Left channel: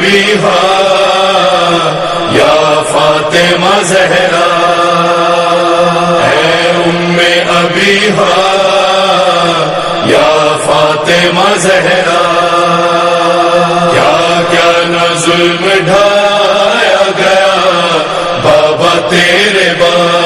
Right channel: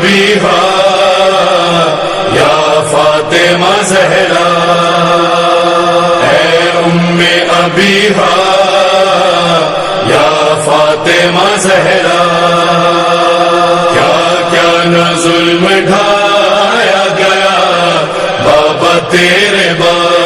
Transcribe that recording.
ابیہا یا فاطمہ زہرا، اے ام ابیہا یا فاطمہ زہرا، کیا کیا نہ ظلم ڈھایا گیا بابا تیرے بعد،